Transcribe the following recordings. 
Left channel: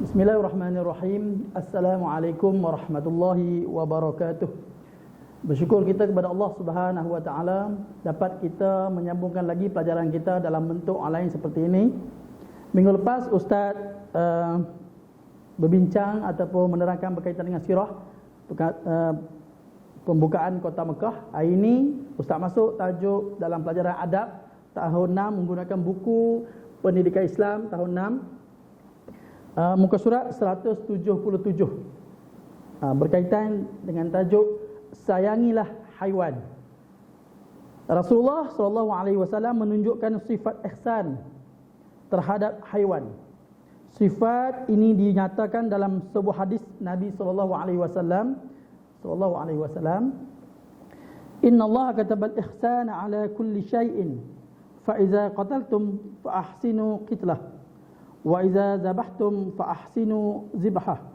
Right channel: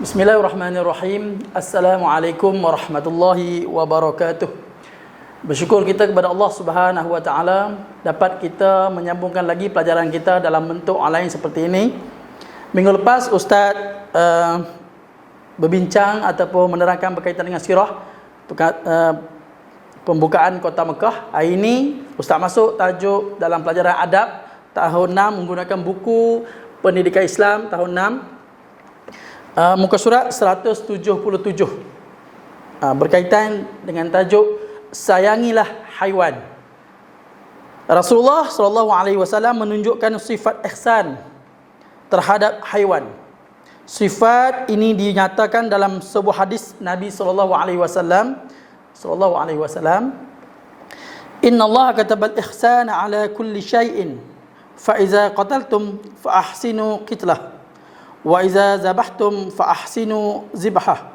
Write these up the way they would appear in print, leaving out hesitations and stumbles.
Bismillahirrahmanirrahim. Assalamualaikum warahmatullahi wabarakatuh. Bersyukur kita kepada Allah Subhanahu wa taala dapat kita menyambungkan lagi pelajaran kita dalam bentuk online seperti ini. Minggu lepas Ustaz berbincang ataupun menerangkan berkaitan dengan sirah pembukaan kota Mekah. Hari ini Ustaz masuk tajuk dalam pelajaran adab tahun 6 menggunakan buku Pendidikan Islam tahun 6. Muka surat 177 berkaitan dengan tajuk sayangilah haiwan. Rasulullah SAW menunjukkan sifat ihsan terhadap haiwan. Sifat ini dinyatakan dalam sebuah hadis Nabi SAW. Inna Allah katabal ihsana ala kulli syai'in fa iza qataltum fa ahsinu qitlah wa iza zabahtum fa ahsinu zibhah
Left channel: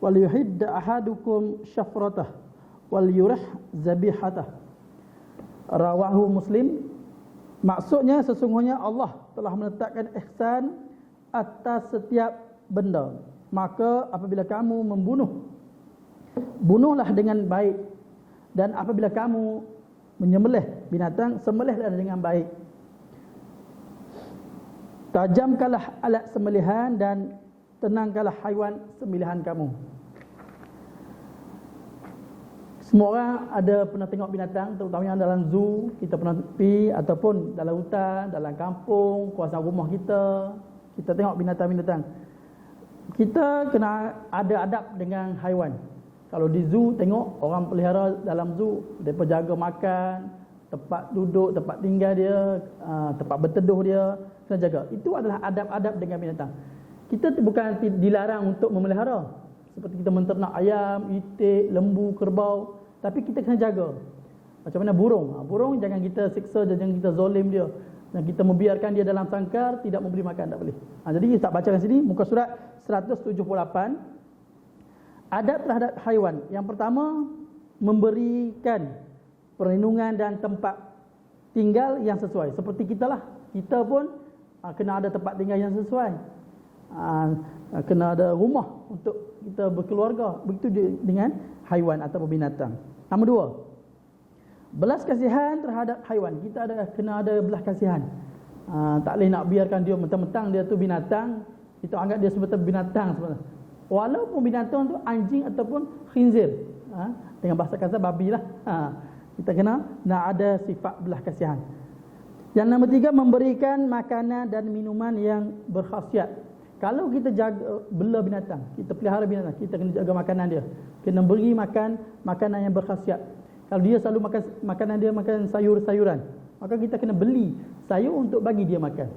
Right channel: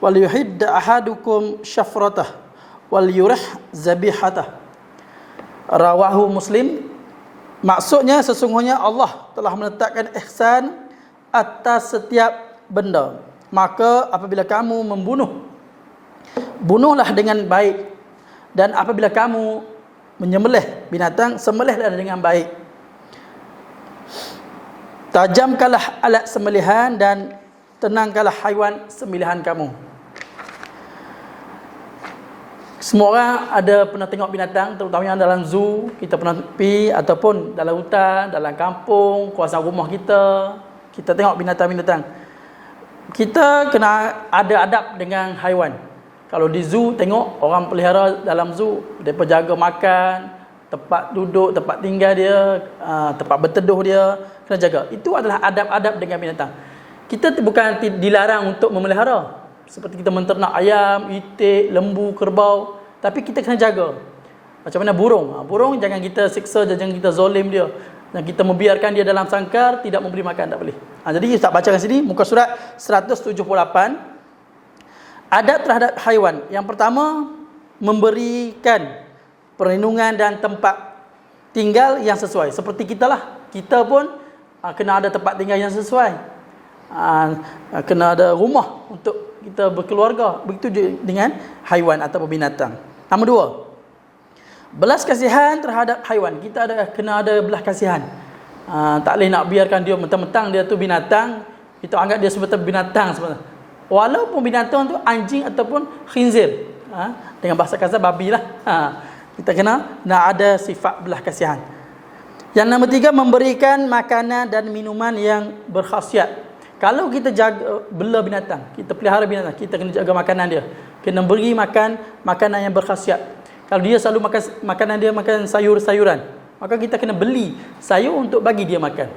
wal yuhidd ahadukum syafratah wal yurih zabihatah. Rawahu Muslim. Maksudnya sesungguhnya Allah telah meletakkan ihsan atas setiap benda. Maka apabila kamu membunuh, bunuhlah dengan baik, dan apabila kamu menyembelih binatang, sembelihlah dengan baik. Tajamkanlah alat sembelihan dan tenangkanlah haiwan sembelihan kamu. Semua orang ada pernah tengok binatang, terutamanya dalam zoo, kita pernah pergi, ataupun dalam hutan, dalam kampung, kawasan rumah kita, kita tengok binatang-binatang. Kita kena ada adab dengan haiwan. Kalau di zoo tengok orang pelihara dalam zoo, mereka jaga makan, tempat duduk, tempat tinggal dia, tempat berteduh dia, kena jaga. Itu adalah adab-adab dengan binatang. Kita bukan dilarang untuk memelihara, seperti kita menternak ayam, itik, lembu, kerbau, tapi kita kena jaga. Macam mana burung? Burung jangan kita siksa, jangan kita zalim dia, dan kita membiarkan dia dalam sangkar, tidak memberi makan, tak boleh. Jadi Ustaz bacakan sini muka surat 178. Adab terhadap haiwan. Yang pertama, memberikan perlindungan dan tempat tinggal yang sesuai. Seperti kita lah, kita pun kena ada tempat tinggal yang sesuai, kena ada rumah untuk kita berkeluarga. Begitu juga dengan haiwan atau binatang. Nombor 2, belas kasihan terhadap haiwan. Kita kena ada belas kasihan. Tak boleh nak biarkan dia mentang-mentang dia tu binatang, kita anggap dia sebagai binatang sebenarnya. Walaupun binatang tu anjing ataupun khinzir, dengan bahasa kasar babi lah. Kita kena nak ada sifat belas kasihan. Yang nombor 3, memberikan makanan dan minuman yang berkhasiat. Kalau kita jaga bela binatang, kita pelihara binatang, kita kena jaga makanan dia. Kena beri makanan yang berkhasiat. Kalau dia selalu makan makanan dia makan sayur-sayuran, maka kita kena beli sayur untuk bagi dia makan.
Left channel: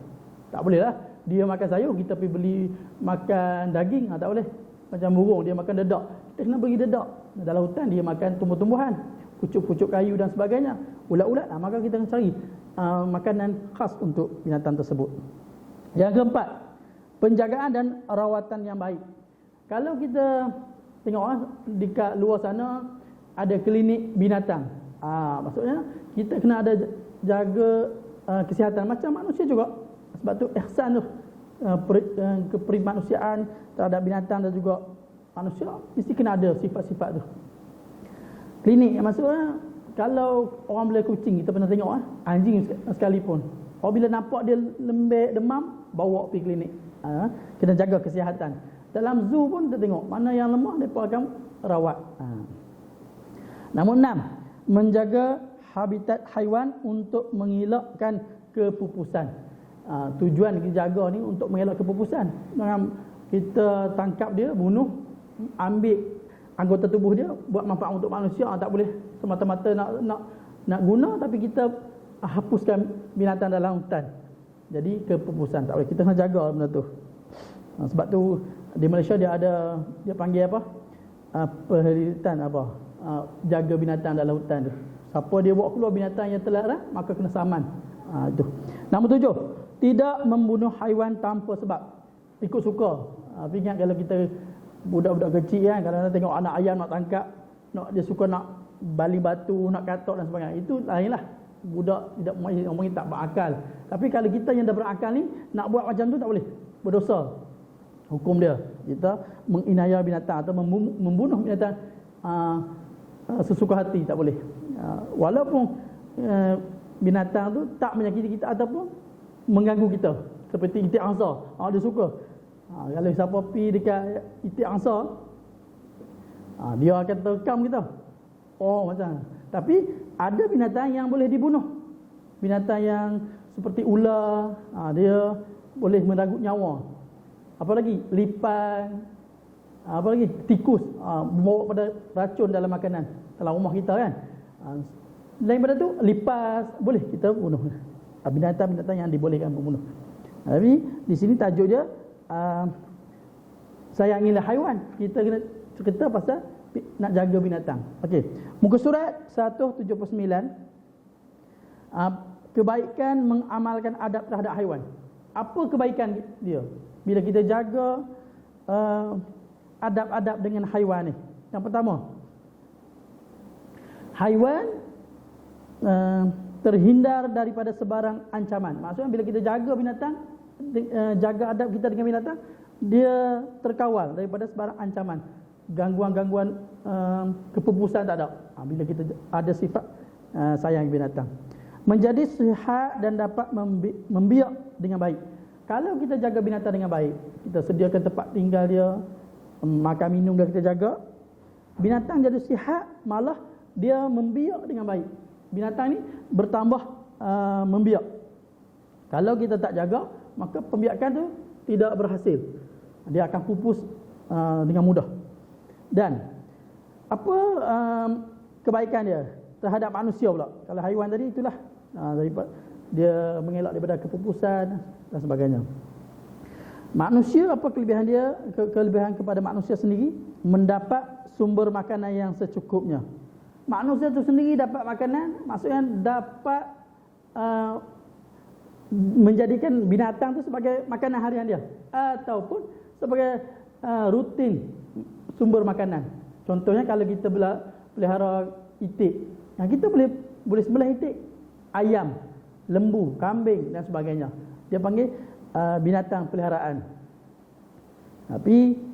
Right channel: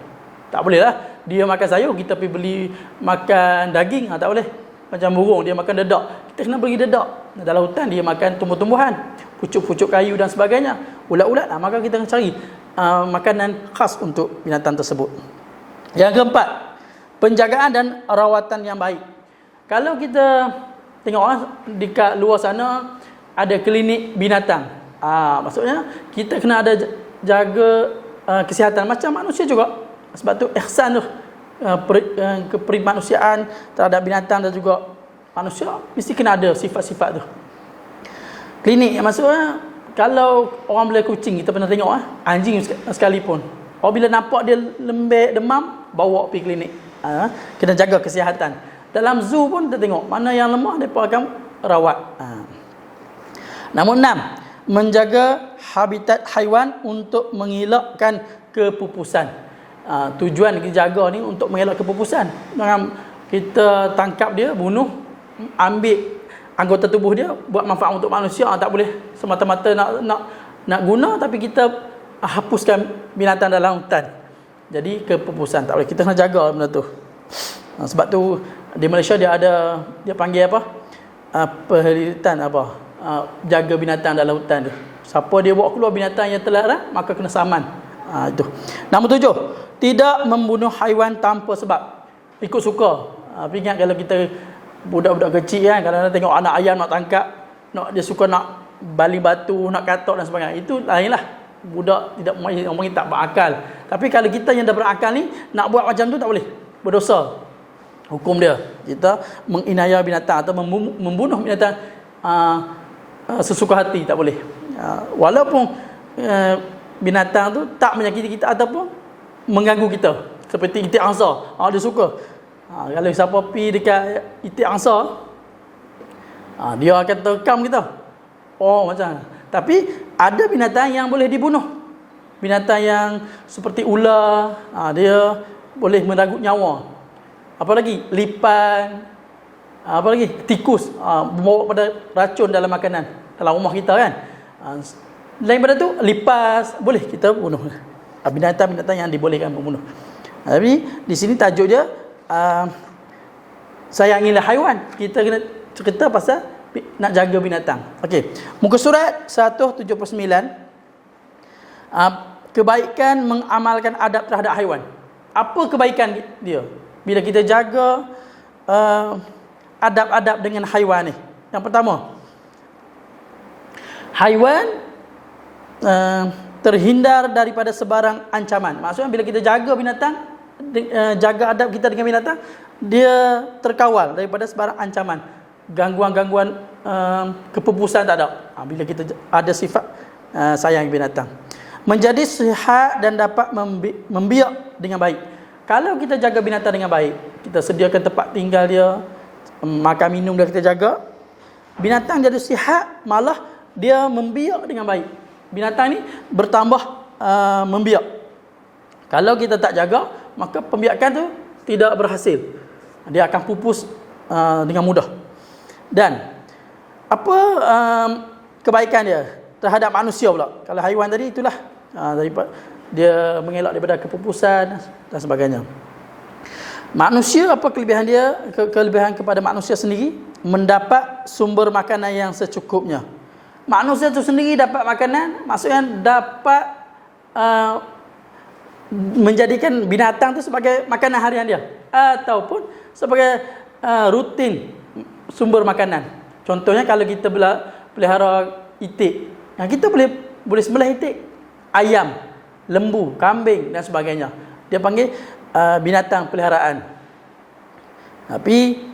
Tak boleh lah dia makan sayur kita pergi beli makan daging, tak boleh. Macam burung dia makan dedak, kita kena bagi dedak. Dalam hutan dia makan tumbuh-tumbuhan, pucuk-pucuk kayu dan sebagainya, ulat-ulat, maka kita kena cari makanan khas untuk binatang tersebut. Yang keempat, penjagaan dan rawatan yang baik. Kalau kita tengok orang dekat luar sana ada klinik binatang, maksudnya kita kena ada jaga kesihatan macam manusia juga. Sebab tu ihsan tu, keprimanusiaan terhadap binatang dan juga manusia mesti kena ada sifat-sifat tu. Klinik maksudnya, kalau orang bela kucing, kita pernah tengok anjing sekalipun, apabila nampak dia lembek, demam, bawa pergi klinik. Kena jaga kesihatan. Dalam zoo pun kita tengok mana yang lemah, mereka akan rawat. Nombor 6, menjaga habitat haiwan untuk mengelakkan kepupusan. Tujuan kita jaga ni untuk mengelak kepupusan. Kita tangkap dia, bunuh, ambil anggota tubuh dia buat manfaat untuk manusia, tak boleh semata-mata nak guna tapi kita hapuskan binatang dalam hutan. Jadi kepupusan tak boleh, kita kena jaga benda tu. Sebab tu di Malaysia dia panggil apa? Perhilitan jaga binatang dalam hutan tu. Siapa dia bawa keluar binatang yang terlarang, maka kena saman. Itu. Nombor 7, tidak membunuh haiwan tanpa sebab, ikut suka. Ingat kalau kita budak-budak kecil kan, kadang-kadang tengok anak ayam nak tangkap, dia suka nak baling batu, nak katok dan sebagainya. Itu lainlah. budak tidak orang panggil tak berakal. Tapi kalau kita yang dah berakal ni nak buat macam tu tak boleh, berdosa hukum dia. Kita menginaya binatang atau membunuh binatang sesuka hati tak boleh. Walaupun binatang tu tak menyakiti kita ataupun mengganggu kita, seperti itik angsa. Dia suka. Kalau siapa pi dekat itik angsa, dia akan terkam kita. Macam. Tapi ada binatang yang boleh dibunuh. Binatang yang seperti ular, dia boleh meragut nyawa. Apa lagi? Lipan. Apa lagi? Tikus. Membawa pada racun dalam makanan, dalam rumah kita kan. Lain pada tu, lipas boleh kita bunuh. Binatang-binatang yang dibolehkan membunuh. Tapi di sini tajuk dia sayangilah haiwan. Kita kena cerita pasal nak jaga binatang. Okey. Muka surat 179. Kebaikan mengamalkan adab terhadap haiwan. Apa kebaikan dia? Bila kita jaga adab-adab dengan haiwan ni. Yang pertama, haiwan terhindar daripada sebarang ancaman. Maksudnya bila kita jaga binatang, jaga adab kita dengan binatang, dia terkawal daripada sebarang ancaman. Gangguan-gangguan kepupusan tak ada. Bila kita ada sifat sayang binatang, menjadi sihat dan dapat membiak dengan baik. Kalau kita jaga binatang dengan baik, kita sediakan tempat tinggal dia, makan minum dia kita jaga, binatang jadi sihat, malah dia membiak dengan baik. Binatang ni bertambah membiak. Kalau kita tak jaga, maka pembiakan tu tidak berhasil. Dia akan pupus dengan mudah. Dan apa kebaikan dia terhadap manusia pula? Kalau haiwan tadi itulah daripada dia mengelak daripada kepupusan dan sebagainya. Manusia, apa kelebihan dia? Kelebihan kepada manusia sendiri, mendapat sumber makanan yang secukupnya. Manusia tu sendiri dapat makanan, maksudnya dapat menjadikan binatang tu sebagai makanan harian dia, ataupun sebagai rutin sumber makanan. Contohnya kalau kita pelihara itik, kita boleh sembelih itik, ayam, lembu, kambing dan sebagainya. Dia panggil binatang peliharaan. Tapi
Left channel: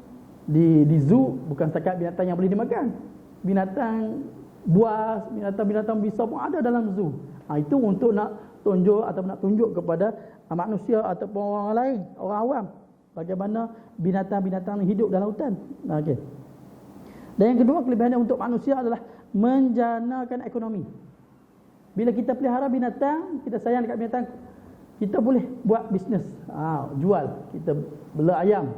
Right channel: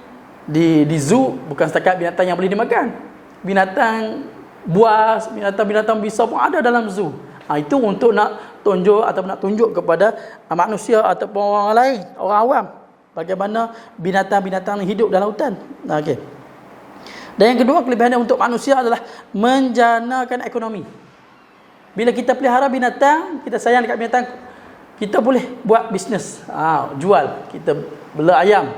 di zoo bukan setakat binatang yang boleh dimakan. Binatang buas, binatang-binatang besar pun ada dalam zoo. Itu untuk nak tunjuk ataupun nak tunjuk kepada manusia ataupun orang lain, orang awam, bagaimana binatang-binatang hidup dalam hutan. Okey. Dan yang kedua, kelebihannya untuk manusia adalah menjanakan ekonomi. Bila kita pelihara binatang, kita sayang dekat binatang, kita boleh buat bisnes. Jual. Kita bela ayam.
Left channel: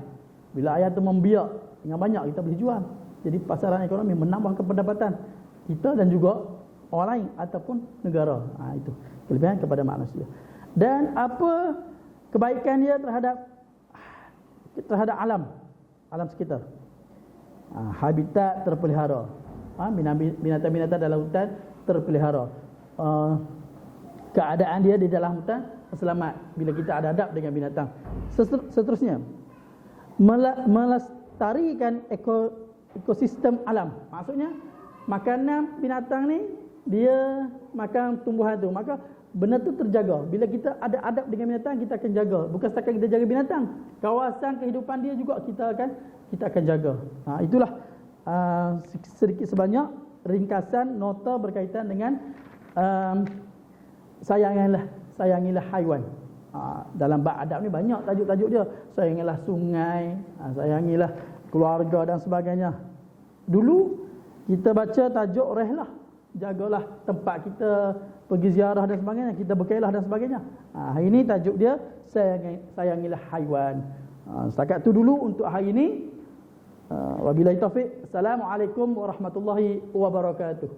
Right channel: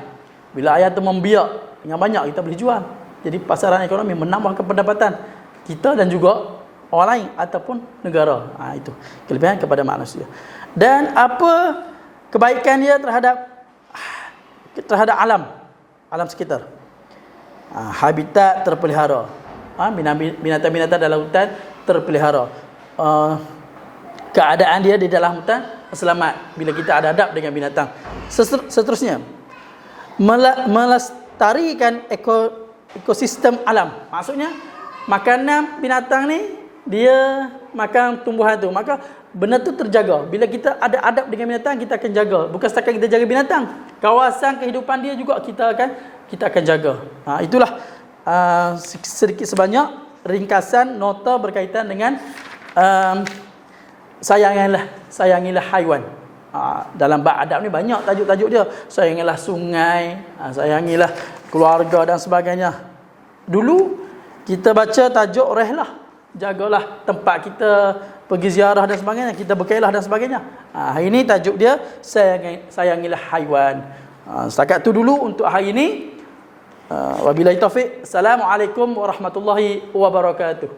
Bila ayam tu membiak dengan banyak, kita boleh jual. Jadi pasaran ekonomi, menambahkan pendapatan kita dan juga orang lain ataupun negara. Itu kelebihan kepada manusia. Dan apa kebaikan dia terhadap alam sekitar? Habitat terpelihara. Binatang-binatang dalam hutan terpelihara. Keadaan dia di dalam hutan selamat bila kita ada adab dengan binatang. Seterusnya, melestarikan ekosistem alam. Maksudnya makanan binatang ni dia makan tumbuhan tu, maka benda tu terjaga. Bila kita ada adab dengan binatang, kita akan jaga. Bukan setakat kita jaga binatang, kawasan kehidupan dia juga kita akan jaga. Itulah sedikit sebanyak ringkasan nota berkaitan dengan sayangilah haiwan. Dalam bab adab ni banyak tajuk-tajuk dia. Sayangilah sungai, sayangilah keluarga dan sebagainya. Dulu kita baca tajuk rehlah, jagalah tempat kita pergi ziarah dan sebagainya, kita berkelah dan sebagainya. Hari ini tajuk dia sayangilah haiwan. Setakat tu dulu untuk hari ini. Wabillahi taufik. Assalamualaikum warahmatullahi wabarakatuh.